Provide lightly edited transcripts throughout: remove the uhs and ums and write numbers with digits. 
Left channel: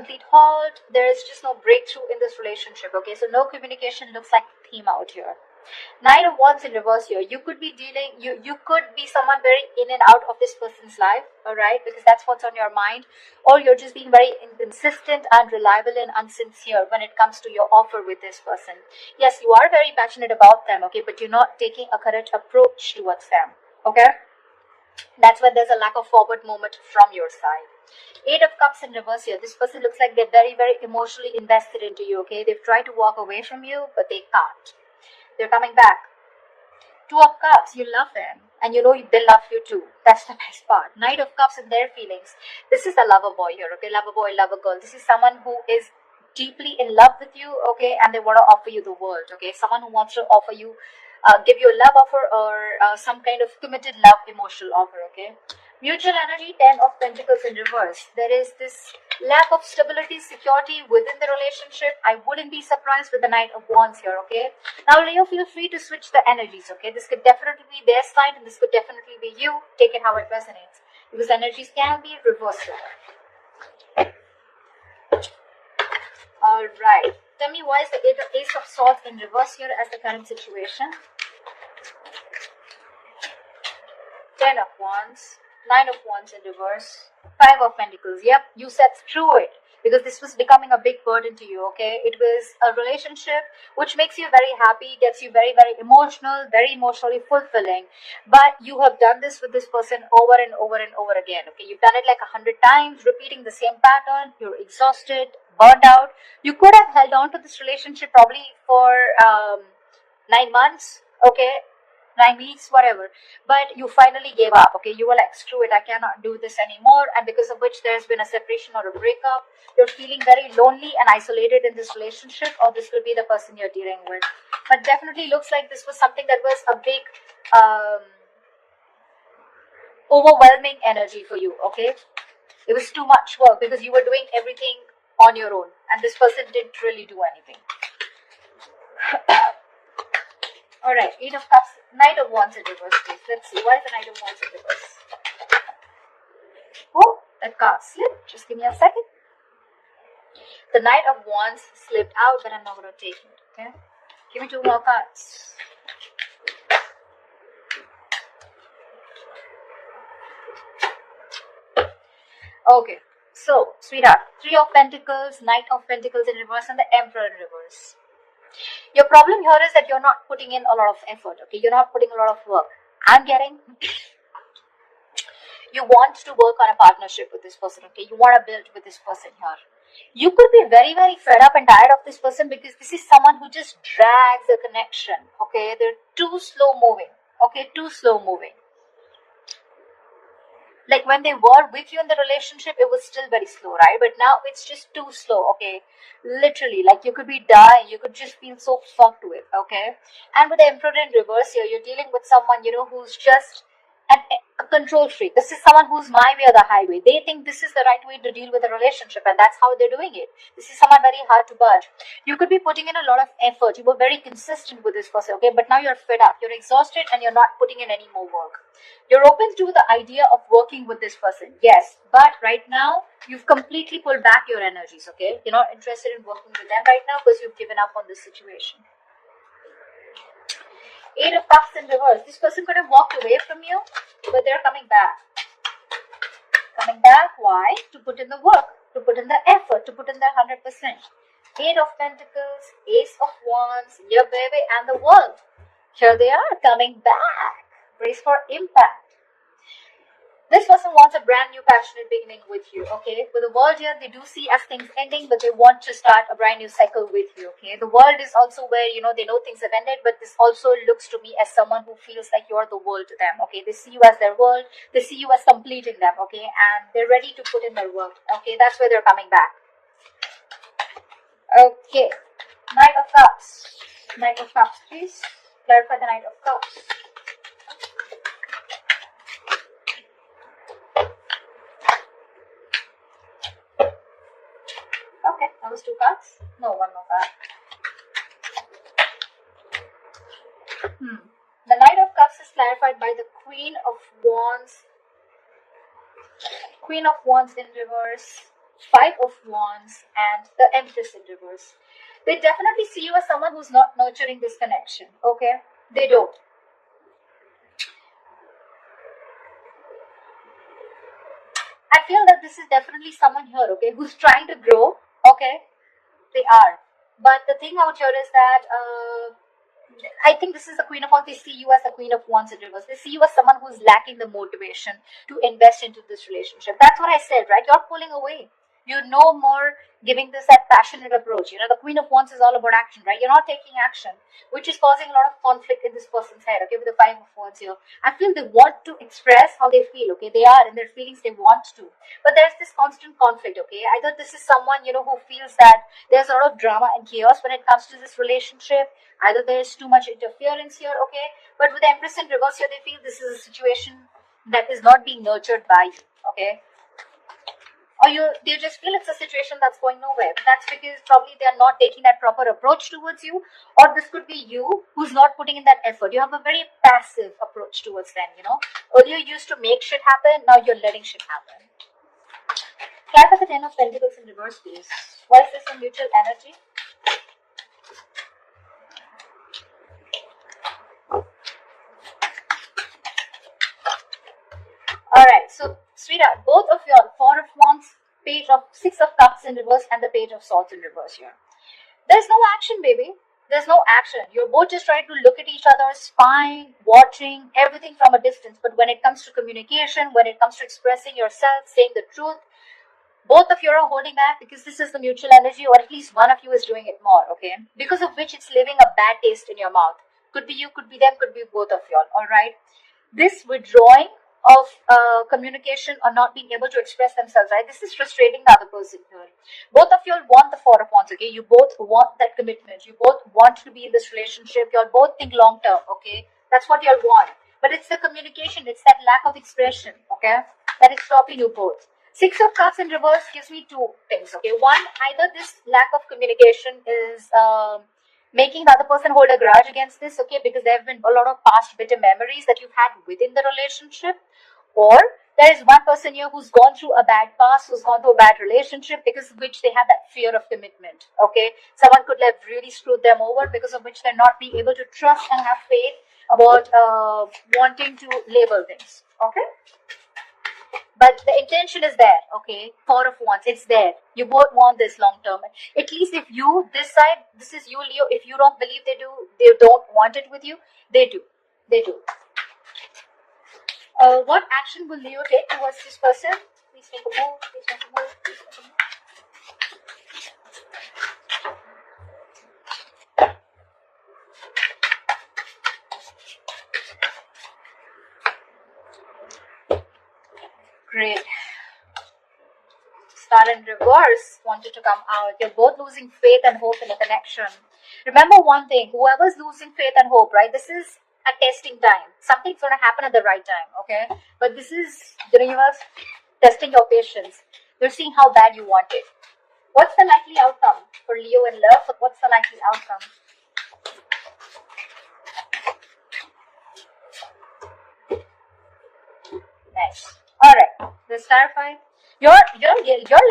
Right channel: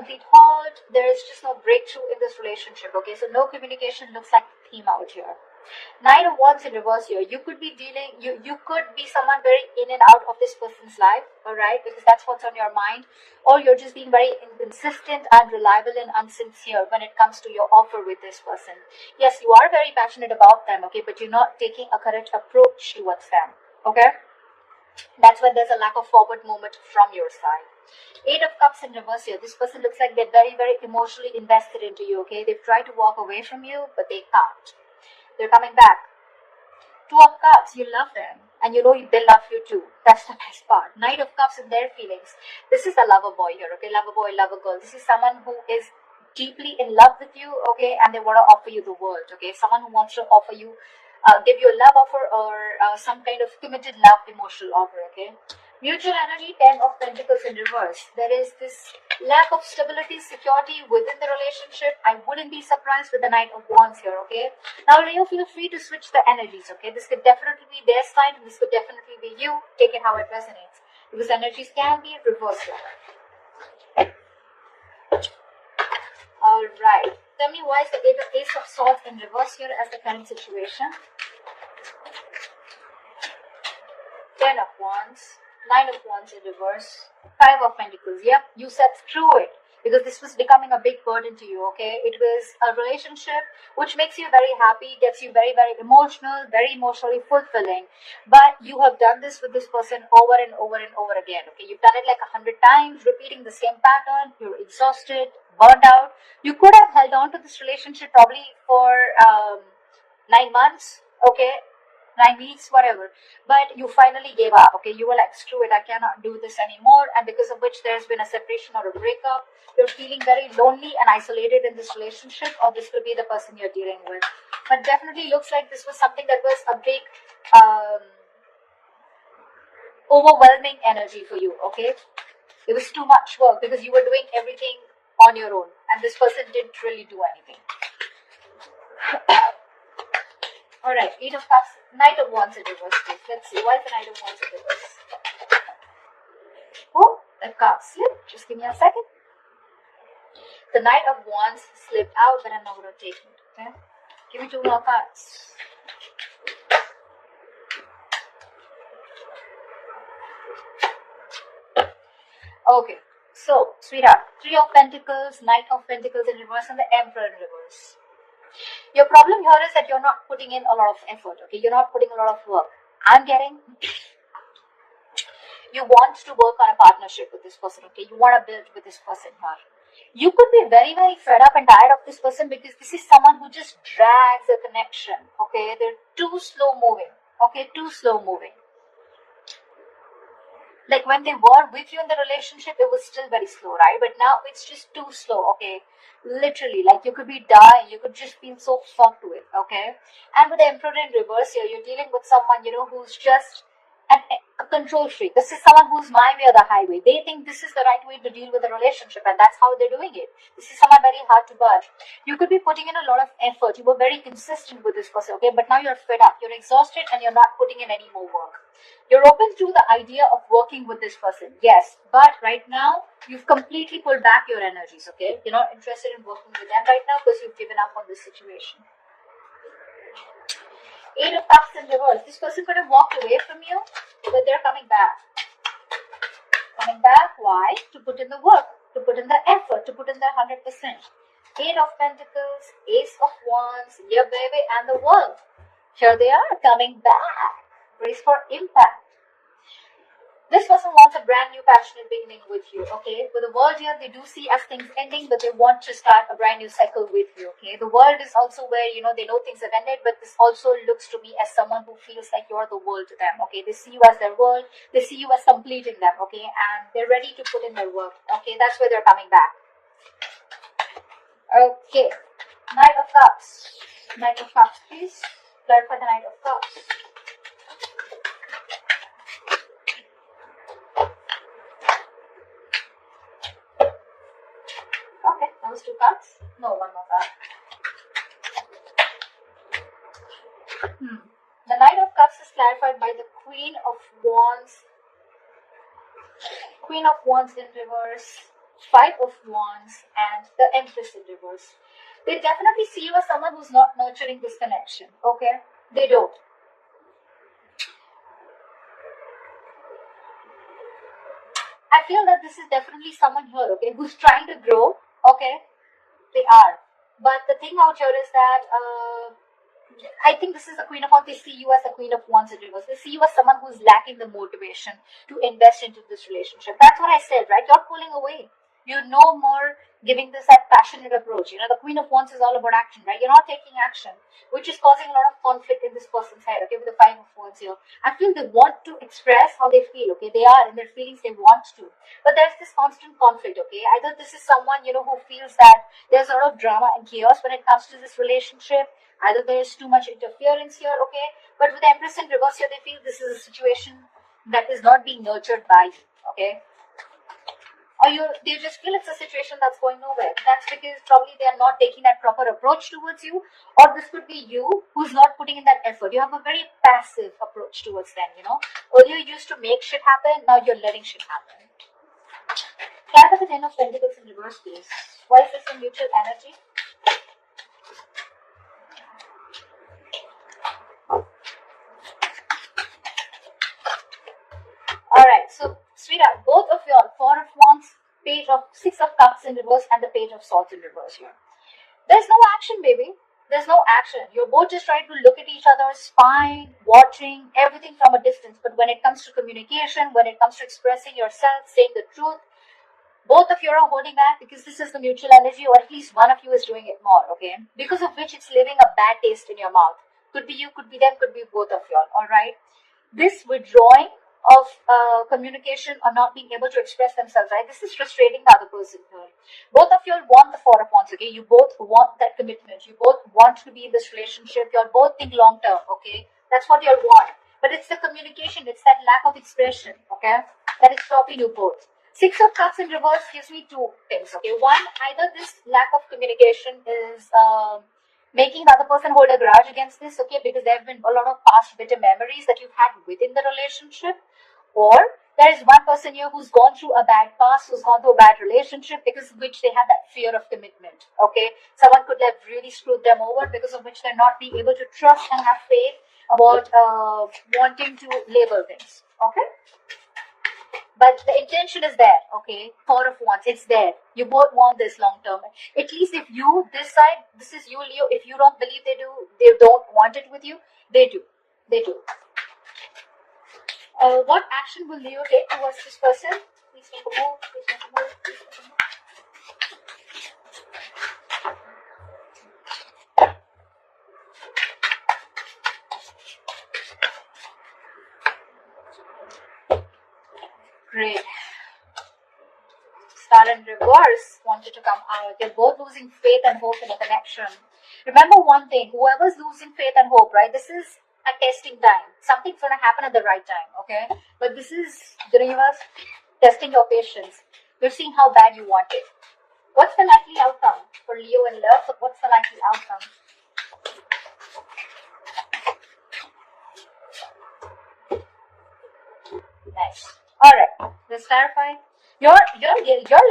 complete halt. There is just no breakthrough in this relationship. Okay, so no communication looks like the theme out here. Knight of Wands in reverse here. You could be dealing, you could be someone very in and out of this person's life, alright, because that's what's on your mind, or you're just being very inconsistent, unreliable, and unsincere when it comes to your offer with this person. Yes, you are very passionate about them, okay, but you're not taking a correct approach towards them, okay? That's when there's a lack of forward movement from your side. Eight of Cups in reverse here. This person looks like they're very, very emotionally invested into you, okay? They've tried to walk away from you, but they can't. They're coming back. Two of Cups, you love them, and you know they love you too. That's the best part. Knight of Cups and their feelings. This is a lover boy here, okay? Lover boy, lover girl. This is someone who is deeply in love with you, okay? And they want to offer you the world, okay? Someone who wants to offer you, give you a love offer, or some kind of committed love emotional offer, okay? Mutual energy, 10 of Pentacles in reverse. There is this lack of stability, security within the relationship. I wouldn't be surprised with the Knight of Wands here, okay? Now, you feel free to switch the energies, okay? This could definitely be their side, and this could definitely be you. Take it how it resonates. Because energies can be reversed. Alright. Tell me why is the Ace of Swords in reverse here as the current situation? 10 of Wands. 9 of Wands in reverse, 5 of Pentacles. Yep, you said screw it, because this was becoming a big burden to you, okay? It was a relationship which makes you very happy, gets you very, very emotional, very emotionally fulfilling. But you have done this with this person over and over and over again, okay? You've done it like 100 times, repeating the same pattern. You're exhausted, burned out. You could have held on to this relationship probably for 9 months, okay? 9 weeks, whatever, but you finally gave up, okay? You were like, screw it, I cannot do this anymore, and because of which there's been a separation or a breakup. You're feeling very lonely and isolated in this relationship, or this will be the person you're dealing with. But definitely looks like this was something that was a big overwhelming energy for you, okay? It was too much work because you were doing everything on your own, and this person didn't really do anything. Alright, Eight of Cups, Knight of Wands in reverse, please. Let's see, why is the Knight of Wands in reverse? Oh, that card slipped. Just give me a second. The Knight of Wands slipped out, but I'm not going to take it, okay? Give me 2 more cards. Okay, so, sweetheart, 3 of Pentacles, Knight of Pentacles in reverse, and the Emperor in reverse. Your problem here is that you're not putting in a lot of effort, okay? You're not putting a lot of work. I'm getting, you want to work on a partnership with this person, okay? You want to build with this person here. You could be very, very fed up and tired of this person because this is someone who just drags the connection, okay? They're too slow moving, okay? Too slow moving. Like when they were with you in the relationship, it was still very slow, right? But now it's just too slow, okay? Literally, like you could be dying, you could just feel so fucked with, okay? And with the Emperor in reverse here, you're dealing with someone, you know, who's just a control freak. This is someone who's my way or the highway. They think this is the right way to deal with a relationship, and that's how they're doing it. This is someone very hard to budge. You could be putting in a lot of effort. You were very consistent with this person, okay? But now you're fed up, you're exhausted, and you're not putting in any more work. You're open to the idea of working with this person, yes, but right now you've completely pulled back your energies, okay? You're not interested in working with them right now because you've given up on this situation. 8 of Cups in reverse. This person could have walked away from you, but they're coming back. Coming back, why? To put in the work, to put in the effort, to put in their 100%. 8 of Pentacles, Ace of Wands, your baby, and the World. Here they are, coming back. Brace for impact. This person wants a brand new passionate beginning with you, okay? With the World here, they do see as things ending, but they want to start a brand new cycle with you, okay? The World is also where, you know, they know things have ended, but this also looks to me as someone who feels like you're the world to them, okay? They see you as their world, they see you as completing them, okay? And they're ready to put in their work, okay? That's where they're coming back. Okay, Knight of Cups. Knight of Cups, please. Clarify the Knight of Cups. That was 2 cards? No, 1 more card. The Knight of Cups is clarified by the Queen of Wands. Queen of Wands in reverse. Five of Wands, and the Empress in reverse. They definitely see you as someone who's not nurturing this connection, okay? They don't. I feel that this is definitely someone here, okay, who's trying to grow, okay? They are. But the thing out here is that I think this is the Queen of Wands. They see you as the Queen of Wands in reverse. They see you as someone who's lacking the motivation to invest into this relationship. That's what I said, right? You're pulling away. You're no more giving this that passionate approach. The Queen of Wands is all about action, right? You're not taking action, which is causing a lot of conflict in this person's head, okay, with the Five of Wands here. I feel they want to express how they feel, okay? They are in their feelings, they want to. But there's this constant conflict, okay? Either this is someone, who feels that there's a lot of drama and chaos when it comes to this relationship. Either there's too much interference here, okay? But with the Empress in reverse here, they feel this is a situation that is not being nurtured by you, okay? Or they just feel it's a situation that's going nowhere. That's because probably they are not taking that proper approach towards you, or this could be you who's not putting in that effort. You have a very passive approach towards them. Earlier you used to make shit happen, now you're letting shit happen. Clarify the Ten of Pentacles in reverse, please. Why is this a mutual energy? Alright, so sweetheart, both of you are Four of Wands, Page of Six of Cups in reverse, and the Page of Swords in reverse here. There's no action, baby. There's no action. You're both just trying to look at each other, spying, watching, everything from a distance. But when it comes to communication, when it comes to expressing yourself, saying the truth, both of you are holding back because this is the mutual energy, or at least one of you is doing it more, okay? Because of which it's leaving a bad taste in your mouth. Could be you, could be them, could be both of you, alright? This withdrawing of communication or not being able to express themselves, right? This is frustrating the other person here. Both of you want the Four of Wands, okay? You both want that commitment. You both want to be in this relationship. You both think long term, okay? That's what you want. But it's the communication, it's that lack of expression, okay? That is stopping you both. Six of Cups in reverse gives me two things, okay? One, either this lack of communication is making the other person hold a grudge against this, okay, because there have been a lot of past bitter memories that you've had within the relationship, or there is one person here who's gone through a bad past, who's gone through a bad relationship, because of which they have that fear of commitment, okay? Someone could have really screwed them over, because of which they're not being able to trust and have faith about wanting to label things, okay? But the intention is there, okay? Four of Wands, it's there. You both want this long term. At least if you, this side, this is you, Leo. If you don't believe they don't want it with you, they do. They do. What action will Leo take towards this person? Please make a move. Please make a move. Please make a move. Great. Star in reverse wanted to come out. You're both losing faith and hope in a connection. Remember one thing, whoever's losing faith and hope, right? This is a testing time. Something's going to happen at the right time, okay? But this is the universe testing your patience. You're seeing how bad you want it. What's the likely outcome for Leo in love? What's the likely outcome? Nice. Alright, let's clarify. You're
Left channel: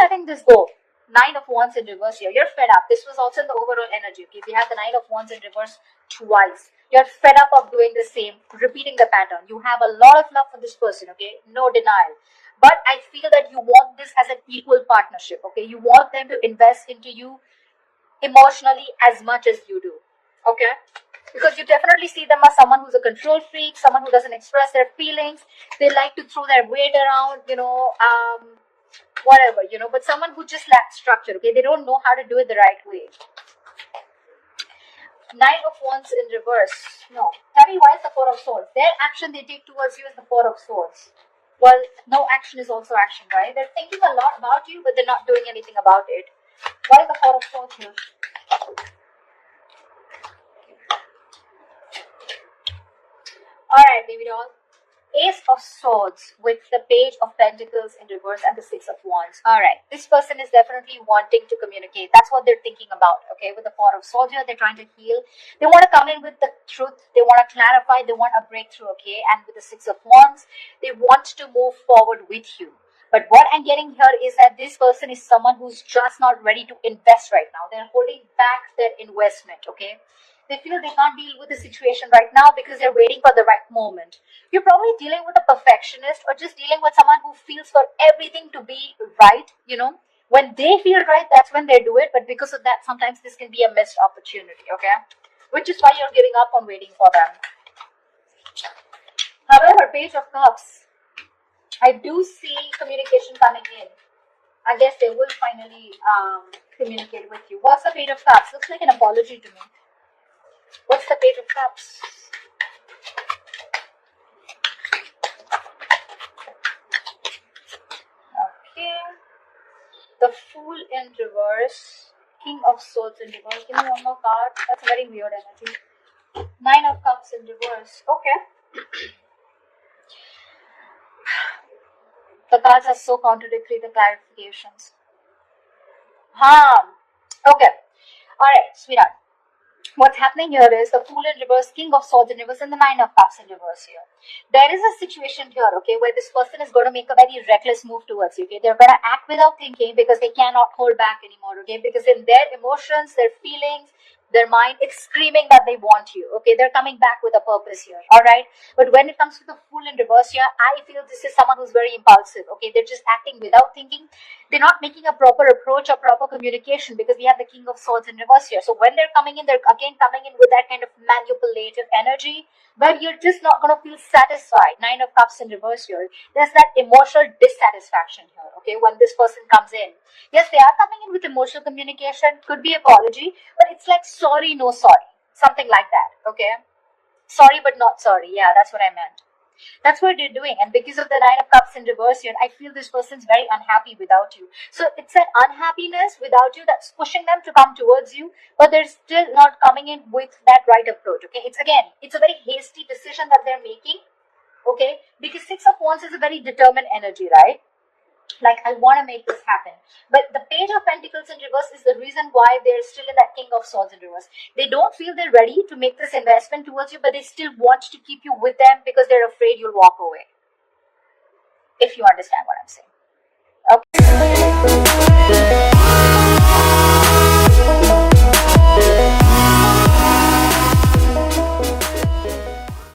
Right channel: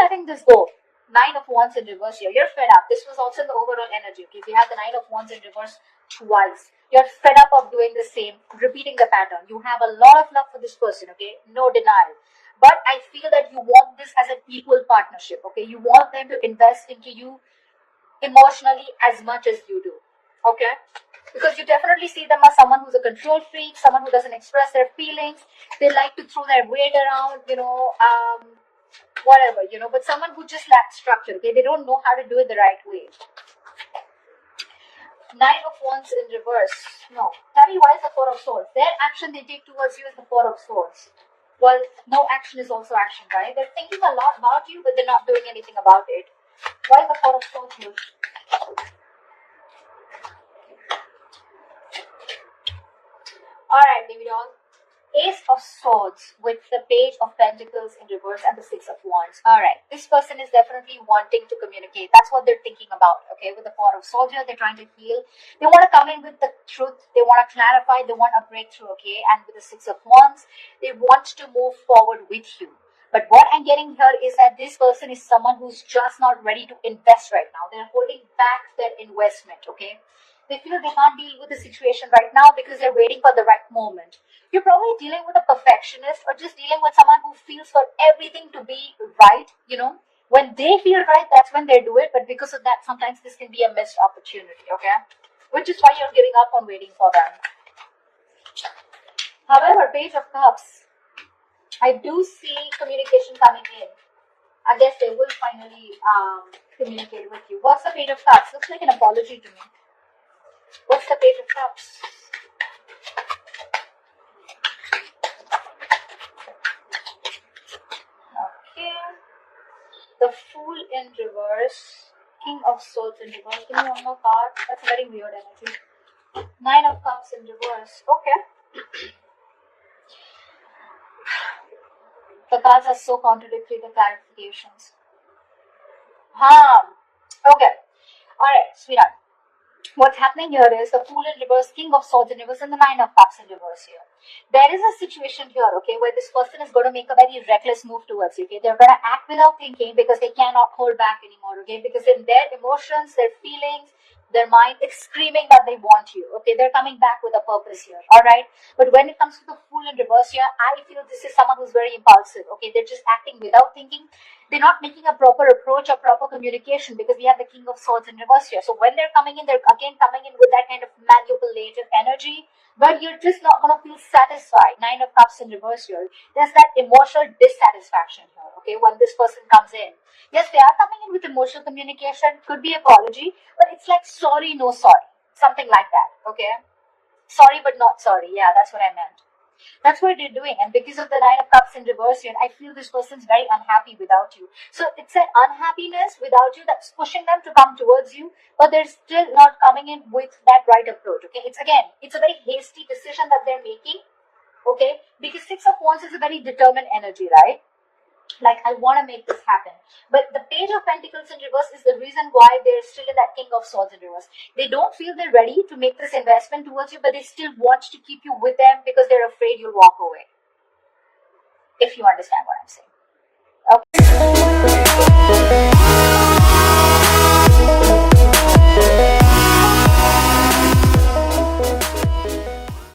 letting this go. Nine of Wands in reverse here. You're fed up. This was also the overall energy. Okay, we have the Nine of Wands in reverse twice. You're fed up of doing the same, repeating the pattern. You have a lot of love for this person, okay? No denial. But I feel that you want this as an equal partnership, okay? You want them to invest into you emotionally as much as you do, okay? Because you definitely see them as someone who's a control freak, someone who doesn't express their feelings. They like to throw their weight around, whatever, but someone who just lacks structure, okay? They don't know how to do it the right way. Nine of Wands in reverse. No. Tell me, why is the Four of Swords? Their action they take towards you is the Four of Swords. Well, no action is also action, right? They're thinking a lot about you, but they're not doing anything about it. Why is the Four of Swords here? Alright, baby doll. Ace of Swords with the Page of Pentacles in reverse and the Six of Wands. Alright, this person is definitely wanting to communicate. That's what they're thinking about, okay? With the Four of Swords here, they're trying to heal. They want to come in with the truth. They want to clarify. They want a breakthrough, okay? And with the Six of Wands, they want to move forward with you. But what I'm getting here is that this person is someone who's just not ready to invest right now. They're holding back their investment, okay? They feel they can't deal with the situation right now because they're waiting for the right moment. You're probably dealing with a perfectionist or just dealing with someone who feels for everything to be right, When they feel right, that's when they do it. But because of that, sometimes this can be a missed opportunity, okay? Which is why you're giving up on waiting for them. However, Page of Cups, I do see communication coming in. I guess they will finally communicate with you. What's the Page of Cups? Looks like an apology to me. What's the Page of Cups? Okay. The Fool in reverse. King of Swords in reverse. Give me one more card. That's very weird energy. 9 of Cups in reverse. Okay. The cards are so contradictory, the clarifications. Okay. Alright, sweetheart. What's happening here is the Fool in reverse, King of Swords in reverse, and the 9 of Cups in reverse here. There is a situation here, okay, where this person is going to make a very reckless move towards you, okay? They're going to act without thinking because they cannot hold back anymore, okay? Because in their emotions, their feelings, their mind, it's screaming that they want you, okay? They're coming back with a purpose here, alright? But when it comes to the Fool in reverse here, I feel this is someone who's very impulsive, okay? They're just acting without thinking. They're not making a proper approach or proper communication because we have the King of Swords in reverse here. So when they're coming in, they're again coming in with that kind of manipulative energy where you're just not going to feel satisfied. 9 of Cups in reverse here. There's that emotional dissatisfaction here, okay, when this person comes in. Yes, they are coming in with emotional communication, could be apology, but it's like sorry, no sorry. Something like that, okay? Sorry, but not sorry. Yeah, that's what I meant. That's what they're doing. And because of the 9 of Cups in reverse here, I feel this person's very unhappy without you. So it's an unhappiness without you that's pushing them to come towards you, but they're still not coming in with that right approach, okay? It's a very hasty decision that they're making, okay? Because 6 of Wands is a very determined energy, right? Like, I want to make this happen. But the Page of Pentacles in reverse is the reason why they're still in that King of Swords in reverse. They don't feel they're ready to make this investment towards you, but they still want to keep you with them because they're afraid you'll walk away. If you understand what I'm saying.